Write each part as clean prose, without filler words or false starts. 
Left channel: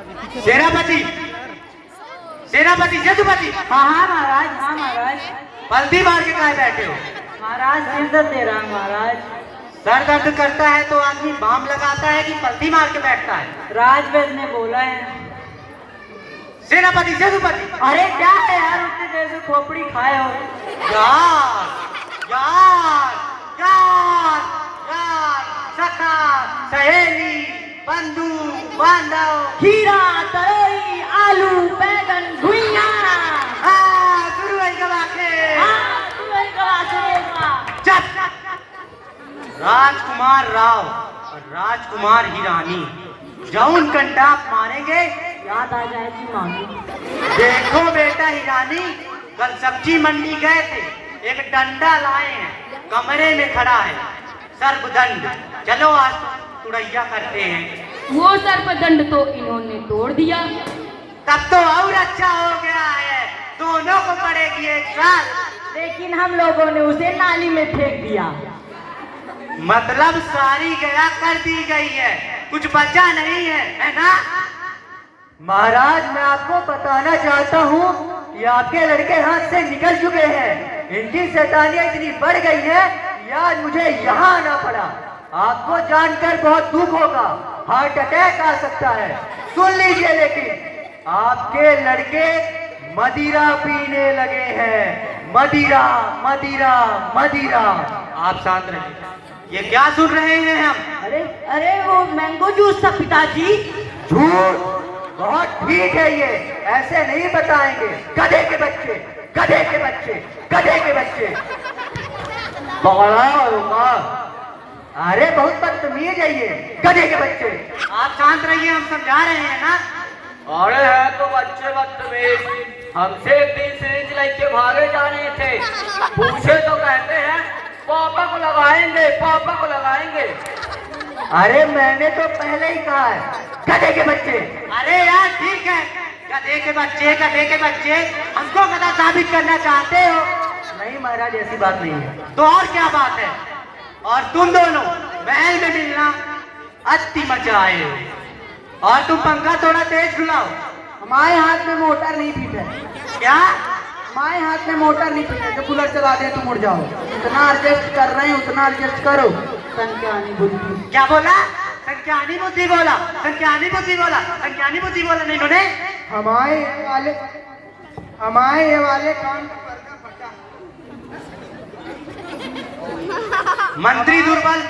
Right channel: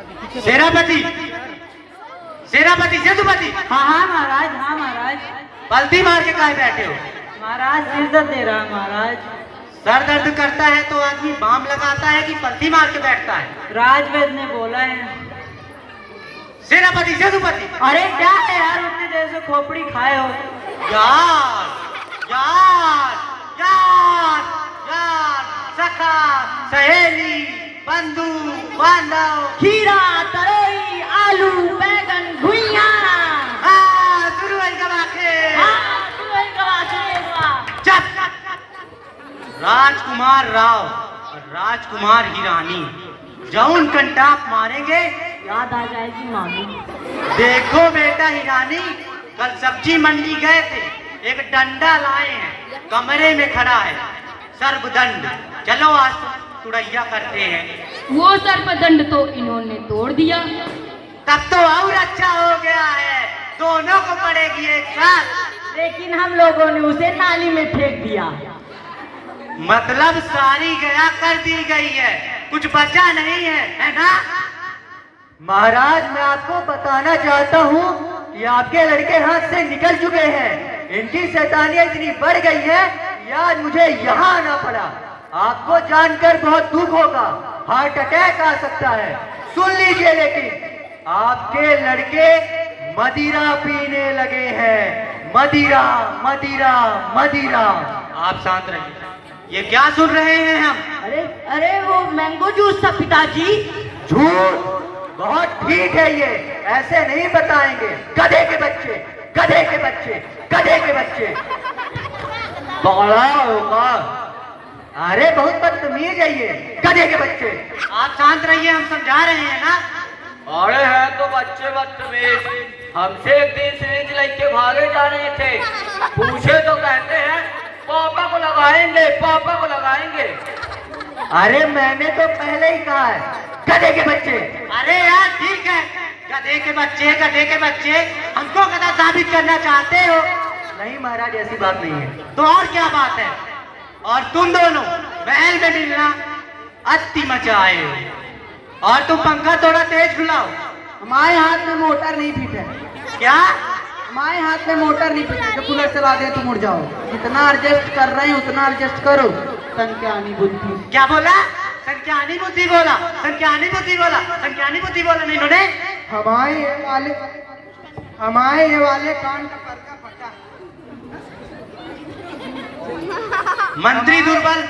सेनापति, सेनापति, सेतुपति। हाँ हाँ महाराज, हाँ महाराज। पलटी मार के काहे बैठे हो? महाराज सिर दर्द दे रहा है महाराज। सर दर्द करता है तो आदमी बाम लगाता है कि पलटी मार के बैठता है? राजवैद्य ने बोला है। सेनापति, सेतुपति। अरे क्या है यार, उतने देर से खोपड़ी खाए हो। यार, यार, यार, यार, सखा, सहेली, बंधु, बांधव, खीरा, तरोई, आलू, बैगन, घुइया। हाँ, शुरू है गवा के। हाँ, तू है गवा से। चुप। राजकुमार राव और राजकुमार हिरानी जौन कंटाप मारेंगे याद आ जाएगी नानी। देखो बेटा हिरानी, कल सब्जी मंडी गए थे, एक डंडा लाए हैं, कमरे में खड़ा है सर्पदंड। चलो आज तुड़ैया करते हैं। वो सर्पदंड तो इन्होंने तोड़ दिया। तब तो और अच्छा हो गया है, दोनों को पड़ेगी एक साथ। लेकिन हम लोगों ने उसे नाली में फेंक दिया। मतलब सारी गया कर दी गई है, कुछ बचा नहीं है ना? महाराज मैं आपको बताना चाहता हूँ कि आपके लड़के हाथ से निकल चुके हैं। इनकी शैतानियां इतनी बढ़ गई है, यार मुझे यहाँ आना पड़ा। आपको जानकर बहुत दुख होगा, हार्ट अटैक आ सकता है। सुन लीजिए, लेकिन आपके लड़के मदिरा पीने लगे हैं। मदिरा, मदिरा, मदिरा। आप शांत रहिए। ये क्या सुन रहे हैं हम? अरे अरे वो मैंगो जूस था पिताजी। झूठ। बहुत ठीक है, ये ऐसे नहीं बताएंगे। गधे के बच्चे, गधे के बच्चे, गधे के बच्चे। बड़ा होगा। अरे बहुत बदतमीज है ये, गधे के बच्चे। आप शांत रहिए, हम समझा रहे हैं ना। अरे है तो बच्चे बदतमीज, हमसे एक दिन सिरिंज लेके भागे जा रहे थे, पूछे तो कहते हैं पापा को लगाएंगे, पापा को लगाएंगे। अरे मैंने तो पहले ही कहा है, गधे के बच्चे। अरे यार ठीक है, गधे के बच्चे, गधे के बच्चे। हमको गधा साबित करना चाहते हो? नहीं महाराज, ऐसी बात नहीं है। तो और क्या बात है? और तुम दोनों महल में मिलना अति मजा आए हो। और तुम पंखा थोड़ा तेज बुलाओ। हमारे हाथ में मोटर नहीं फिट है। क्या? हमारे हाथ में मोटर नहीं फिट है, जो कूलर चला दे तो मुड़ जाओ। जितना एडजस्ट कर रहे हैं उतना एडजस्ट करो। संख्यानी बुद्धि। क्या बोला? संख्यानी बुद्धि बोला, संख्यानी बुद्धि बोला, संख्यानी बुद्धि बोला नहीं उन्होंने। हमारे ये वाले कान का पर्दा फटा। मंत्री दुर्बल,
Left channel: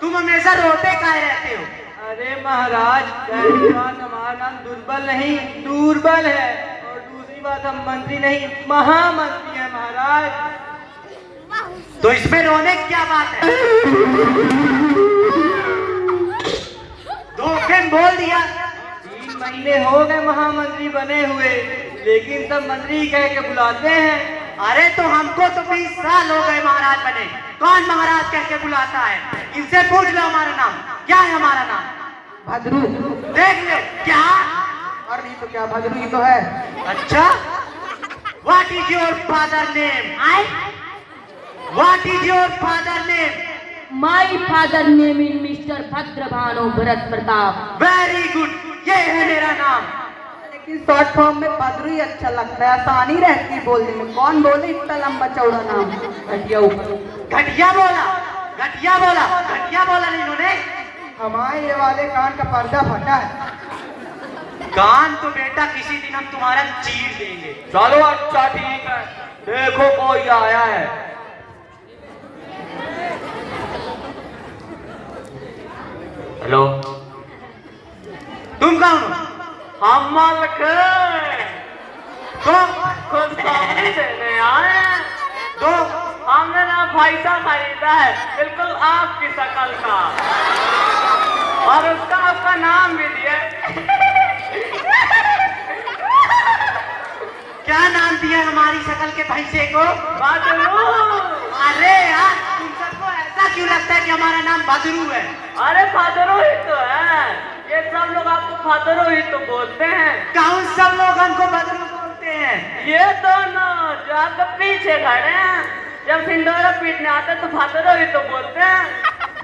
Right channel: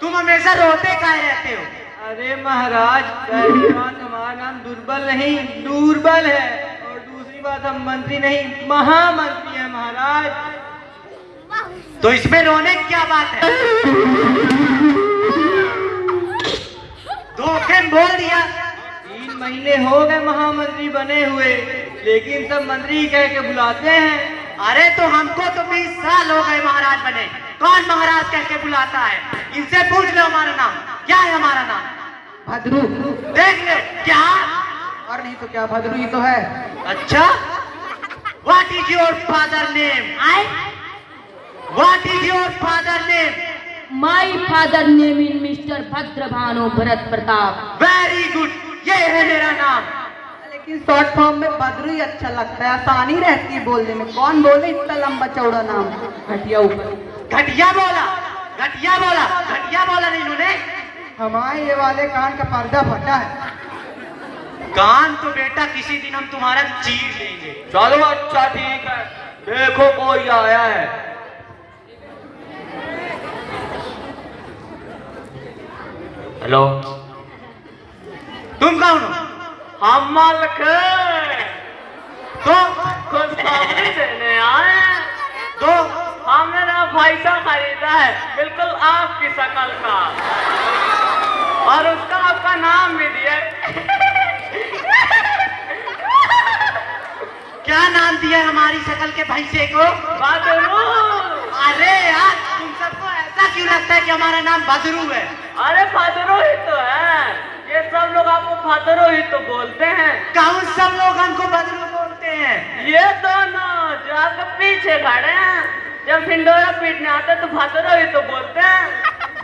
तुम हमेशा रोते काहे रहते हो? अरे महाराज, पहली बात हमारा नाम दुर्बल नहीं दूरबल है, और दूसरी बात हम मंत्री नहीं महामंत्री है महाराज। तो इसमें रोने की क्या बात है? धोखे में बोल दिया। 3 महीने हो गए महामंत्री बने हुए, लेकिन सब मंत्री कह के बुलाते हैं। अरे तो हमको तो 20 साल हो गए महाराज बने, कौन महाराज कह के बुलाता है? इनसे पूछ लो हमारा नाम क्या है। हमारा नाम भद्रू। देख ले। क्या? और नहीं तो क्या, भद्रू ही तो है। अच्छा, what is your father name? What is your father name? My father name is Mr. Bhadrabhanu Bharat Pratap. Very good, ये है मेरा नाम। लेकिन शॉर्ट फॉर्म में भद्रू ही अच्छा लगता है, आसानी रहती है बोलने में। कौन बोले इतना लंबा चौड़ा नाम? घटिया घटिया बोला, घटिया बोला, घटिया बोला नहीं इन्होंने। हमारे ये वाले कान का पर्दा फटा है। कान तो बेटा किसी दिन हम तुम्हारा चीर देंगे। चलो अच्छा ठीक है, देखो कोई आया है। हेलो, तुम कौन हो? हम मालिक तो सब्जी देने आए हैं। तो हमने ना पैसा खरीदा है, बिल्कुल आपकी शक्ल का, और उसका आपका नाम भी दिया। क्या नाम दिया हमारी शक्ल के भैंसे को? बदरू। अरे यार, तुम सबको ऐसा क्यों लगता है कि हमारा नाम बदरू है? अरे बदरू ही तो है, ये सब लोग आपको बदरू ही तो बोलते हैं। कौन सब लोग हमको बदरू बोलते हैं? ये दोनों जो आपके पीछे खड़े हैं, जब सिंडोरा पीटने आते तो बदरू ही तो बोलते हैं।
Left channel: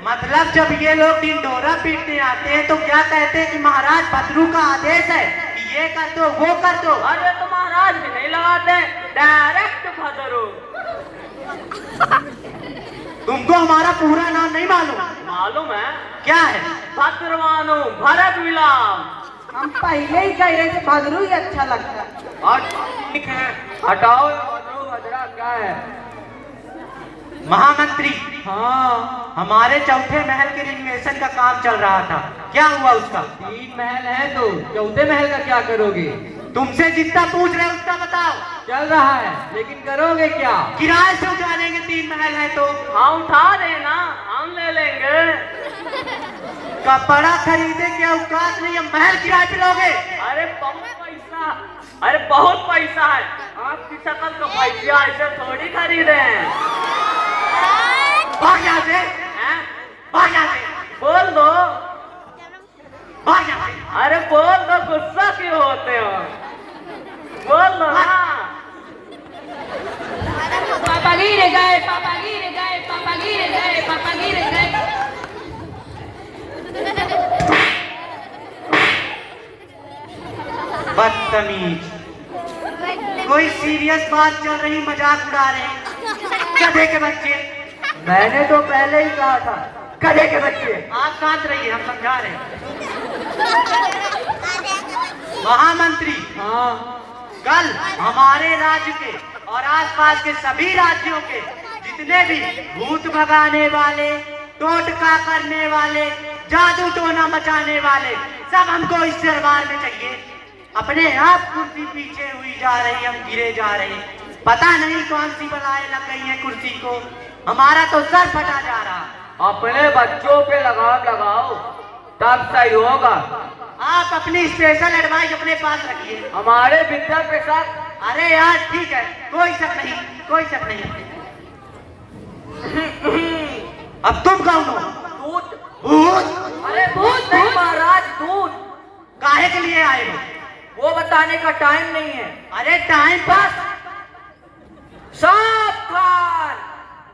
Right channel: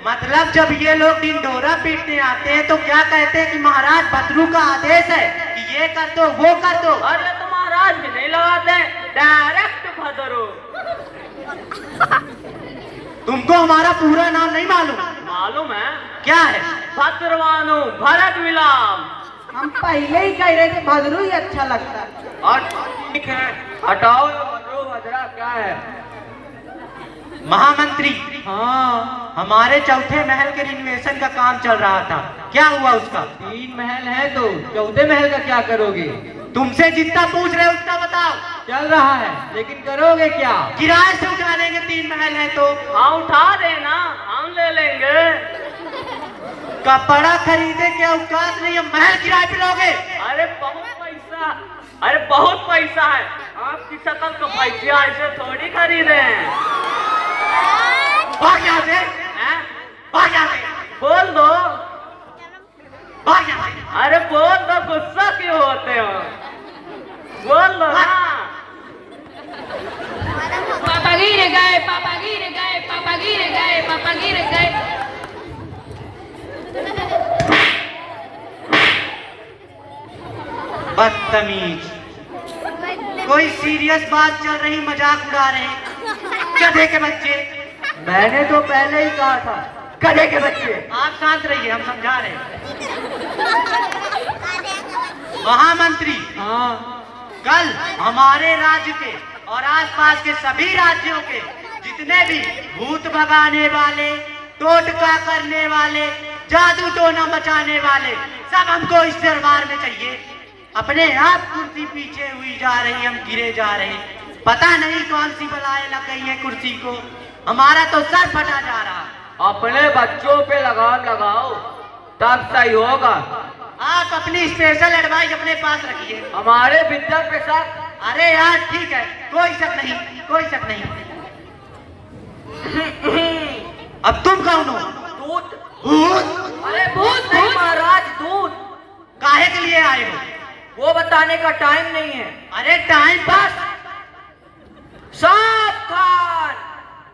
मतलब जब ये लोग ढिंढोरा पीटने आते हैं तो क्या कहते हैं कि महाराज भद्रू का आदेश है कि ये कर दो वो कर दो। अरे तो महाराज भी नहीं लगाते, डायरेक्ट भद्रू। तुमको हमारा पूरा नाम नहीं मालूम? मालूम है, क्या है? भद्रभानु भरत विलाम। हम पहले ही कह रहे थे भद्रू ही अच्छा लगता है। और ठीक है, हटाओ भद्रू भद्रा क्या है। महामंत्री, हाँ, हमारे चौथे महल के रिनोवेशन का काम चल रहा था, क्या हुआ उसका? 3 महल है तो चौथे महल का क्या करोगे? तुमसे जितना पूछ रहे हो उतना बताओ। चल रहा है, लेकिन करोगे क्या? किराए से उठा लेंगे, 3 महल है तो। हम उठा देना, हम ले लेंगे। कपड़ा खरीदे क्या औकात नहीं, हम महल किराए पे लोगे? अरे बहुत पैसा, अरे बहुत पैसा है। आपकी शक्ल तो पैसा ऐसे थोड़ी खरीदे हैं। भाग यहाँ से, हैं? भाग यहाँ से, बोल दो। भाग यहाँ से। अरे बोल दो, गुस्सा क्यों होते हो? बोल दो ना। पापा गिर गए, पापा गिर गए, पापा गिर गए, पापा गिर गए। बदतमीज, कोई सीरियस बात चल रही, मजाक उड़ा रहे हैं। गधे के बच्चे। मैंने तो पहले ही कहा था, गधे के बच्चे। आप शांत रहिए, हम समझा रहे हैं। महामंत्री, हाँ, कल हमारे राज्य के और आसपास के सभी राज्यों के जितने भी भूत भगाने वाले, टोटका करने वाले, जादू टोना मचाने वाले, सब हमको इस दरबार में चाहिए। अपने आप कुर्सी पीछे हुई जा रही, हम गिरे जा रहे, पता नहीं कौन सी बलाएं लग गई है कुर्सी को। हमारा तो सर फटा जा रहा। अपने बच्चों पे लगाम लगाओ, तब सही होगा। आप अपनी स्पेशल एडवाइस अपने पास रखिए। हमारे विद्या के साथ। अरे यार ठीक है, कोई शक नहीं, कोई शक नहीं। अब तुम कौन हो? दूध। भूत? अरे भूत नहीं महाराज, दूध। काहे के लिए आए हो? वो बताने का टाइम नहीं है। अरे टाइम पास। सावधान,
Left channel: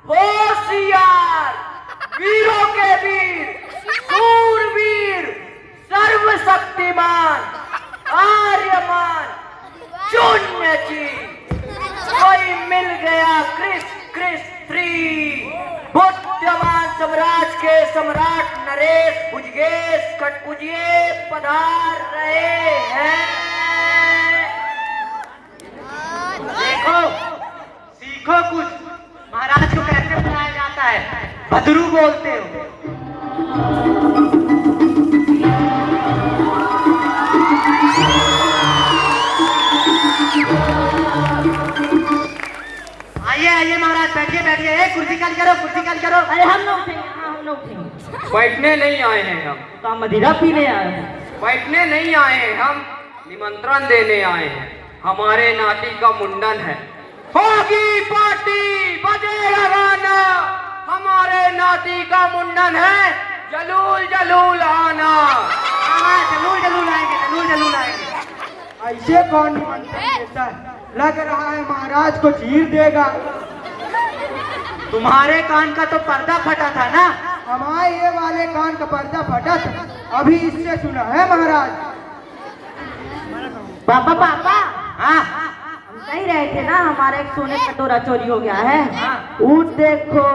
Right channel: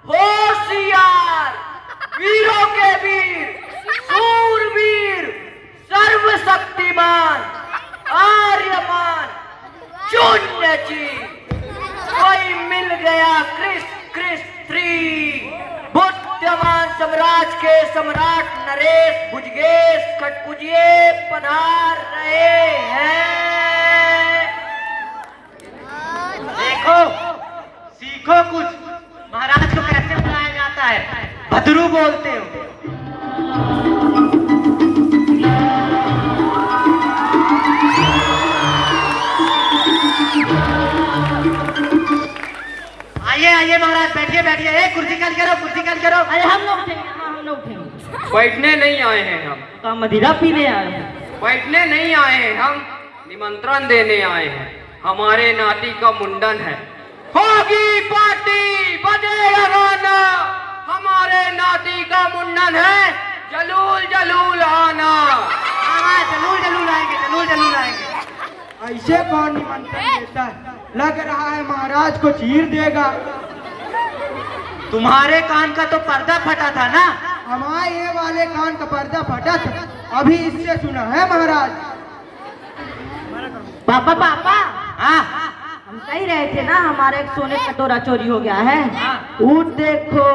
होशियार, वीरों के वीर, सूरवीर, सर्वशक्तिमान, आर्यमान, शून्य जीव, कोई मिल गया क्रिस क्रिस 3। बुद्धिमान साम्राज्य के सम्राट नरेश भुजगेश कटपुजिए पधार रहे हैं। देखो, सीखो कुछ। महाराज को कैसे बुलाया जाता है? भद्रू बोलते हो। आइए आइए महाराज, बैठिए बैठिए। ए, कुर्सी खाली करो, कुर्सी खाली करो। अरे हम लोग उठेंगे, हाँ, हम लोग उठेंगे। बैठने नहीं आए हैं हम, तो मदिरा पीने आए हैं। बैठने नहीं आए हैं हम, निमंत्रण देने आए हैं। हमारे नाती का मुंडन है। होगी पार्टी, बजेगा गाना। हमारे नाती का मुंडन है, जलूल जलूल आना। हाँ, जरूर जरूर आएंगे, जरूर जरूर आएंगे। ऐसे कौन निमंत्रण देता है? लग रहा है महाराज को चीर देगा। तुम्हारे कान का तो पर्दा फटा था ना? हमारे ये वाले कान का पर्दा फटा था, अभी इससे सुना है महाराज। पापा पापा, हाँ, हम कह रहे थे ना हमारा एक सोने का कटोरा चोरी हो गया है। ऊट देखो।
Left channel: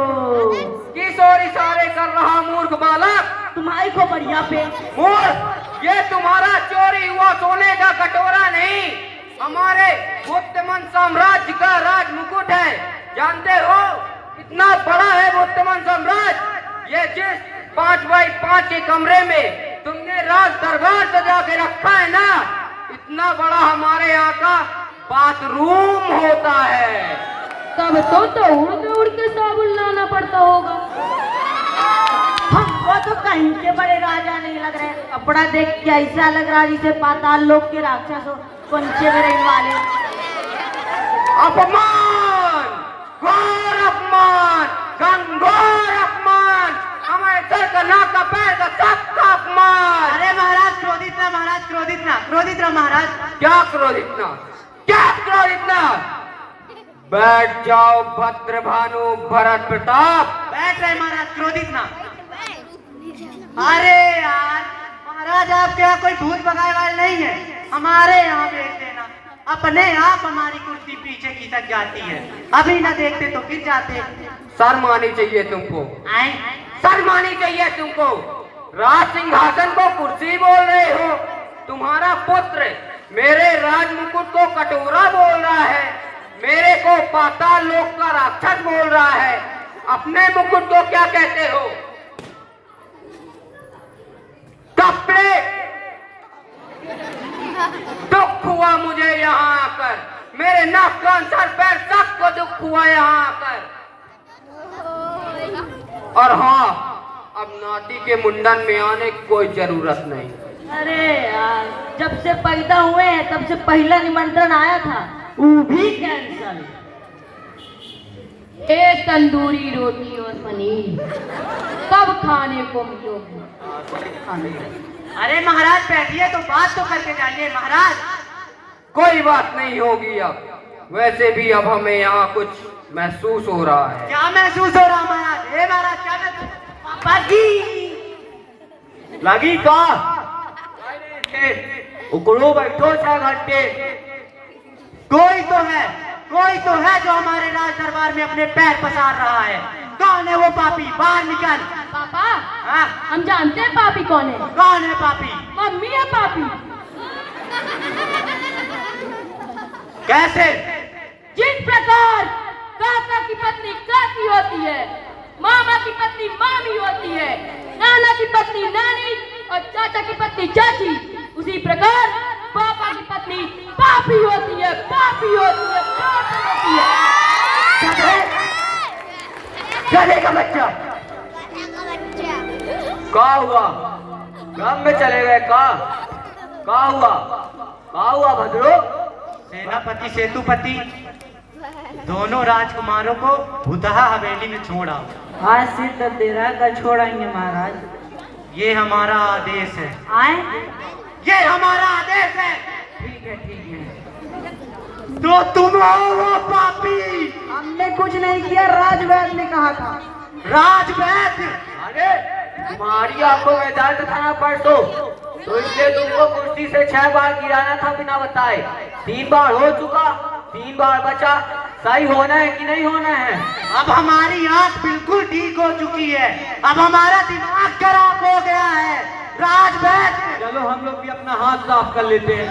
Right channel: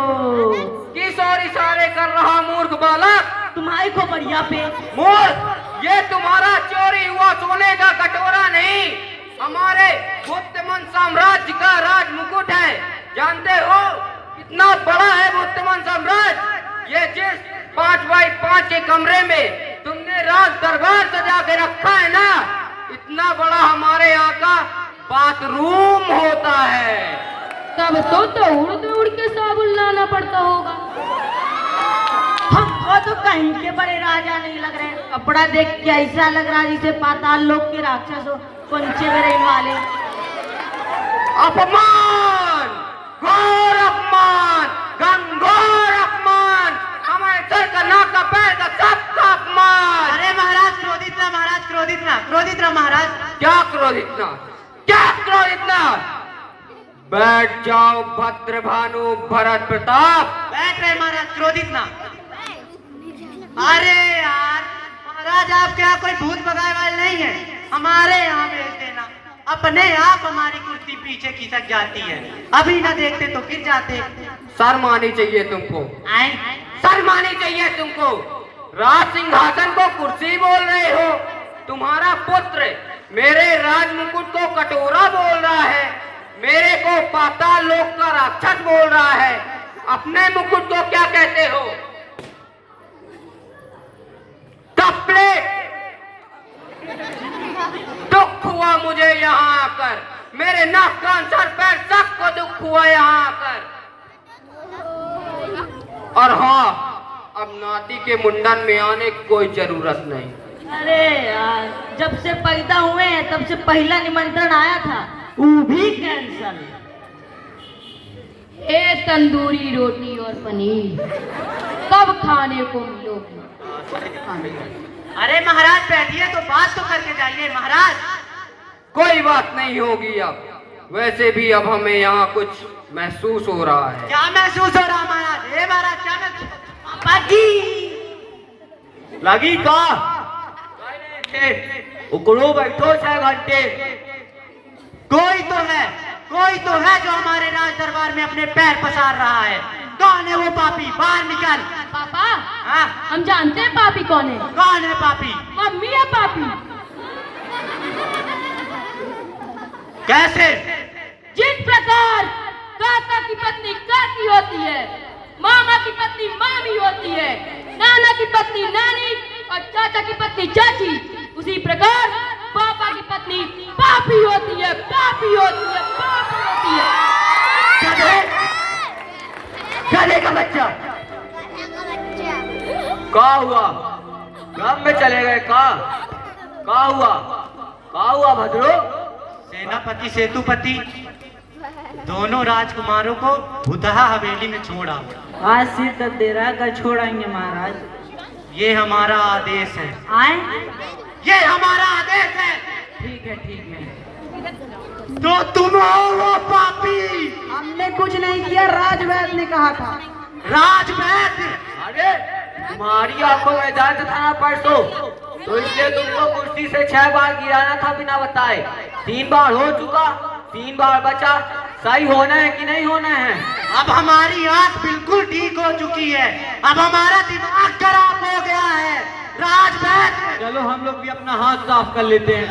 किस ओर इशारे कर रहा मूर्ख बालक? तुम्हारे को बढ़िया पे। मूर्ख, ये तुम्हारा चोरी हुआ सोने का कटोरा नहीं, हमारे गुप्तमन साम्राज्य का राज मुकुट है। जानते हो कितना बड़ा है गुप्तमन साम्राज्य? ये जिस 5x5 के कमरे में तुमने राज दरबार सजा के रखा है ना, इतना बड़ा हमारे यहाँ का बाथरूम होता है। तब तो उड़ के साबुन लाना पड़ता होगा। हमको तो कहीं के बड़े राजा नहीं लग रहे। कपड़ा देख के ऐसा लग रहा है जैसे पाताल लोक के राक्षस हो, पंचे में रहने वाले। अपमान, घोर अपमान, घनघोर अपमान, हमारे सर का नाक का पैर का सबका अपमान। अरे महाराज क्रोधित ना, महाराज क्रोधित ना, क्रोधित ना महाराज। क्या क्रोधित ना, क्या क्रोधित ना? बैठ जाओ भद्रभानु भरत प्रताप। बैठ रहे महाराज, क्रोधित ना। अरे यार महाराज, आपके यहाँ कोई भूत भगाए वाले नहीं है। हमारे यहाँ भेज देना, अपने आप हमारी कुर्सी पीछे खिसक जाती है। अभी ना देखते तो गिर जाते। शर्म आनी चाहिए तुमको, आए? शर्म आनी चाहिए तुमको। राज सिंहासन को कुर्सी बोल रहे हो। तुम्हारा पुत्र मेरे राज मुकुट को कटोरा बोल रहा है, मेरे को पाताल लोक का राक्षस बोल रहा है। अपने मुकुट को क्या कहते हो? कपड़े। दुख हुआ मुझे यहाँ आकर, मेरे नाक कान सर पैर सबको दुख हुआ यहाँ आकर। और हाँ, अब नाती के मुंडन में आने की कोई जरूरत नहीं। अरे यार, जब से पैदा हुए हैं तब से पहला निमंत्रण आया था, वो भी कैंसल। एक तंदूरी रोटी और पनीर कब खाने को मिलोगे? अरे महाराज बैठिए तो बात तो करके जाइए महाराज। कोई बात नहीं होगी अब। वैसे भी अब हमें यहाँ कुछ महसूस हो रहा है। क्या महसूस हो रहा महाराज? हे महाराज, क्या महसूस? पापा जी लगी का उकड़ो बैठो 6 घंटे। कोई तो है जो हमारे राज दरबार में अपने पैर पसार रहा है। कौन है वो पापी? बाहर निकल। पापा, हाँ? हम जानते हैं पापी कौन है। कौन है पापी? मम्मी है पापी। कैसे? जिस प्रकार काका की पत्नी काकी होती है, मामा की पत्नी मामी होती है, नाना की पत्नी नानी और चाचा की पत्नी चाची, उसी प्रकार पापा की पत्नी पापी होती है, पापी होती है, पापी होती है। गधे का बच्चा क्या हुआ? गांव में चले गए क्या हुआ भद्रो? सेनापति सेतुपति दोनों राजकुमारों को भूतहा हवेली में छोड़ा। आज सिर दर्द दे रहा है, छोड़ाएंगे महाराज। ये हमारा आदेश है। आए? ये हमारा आदेश है। ठीक है। तो तुम आओ वो पापी। हमने कुछ नहीं किया, राजवैद ने कहा था। राजवैद? अरे तुम्हारी आंखों में दर्द था ना परसों, तो इसलिए तुमको कुर्सी से 6 बार गिराना था बिना बताए। 3 बार हो चुका, 3 बार बचा। सही होना है कि नहीं होना है? अब हमारी आंख बिल्कुल ठीक हो चुकी है, अब हमारा दिमाग खराब हो गया है। राजवैद चलो हम लोग भी अपना हाथ साफ कर लेते हैं।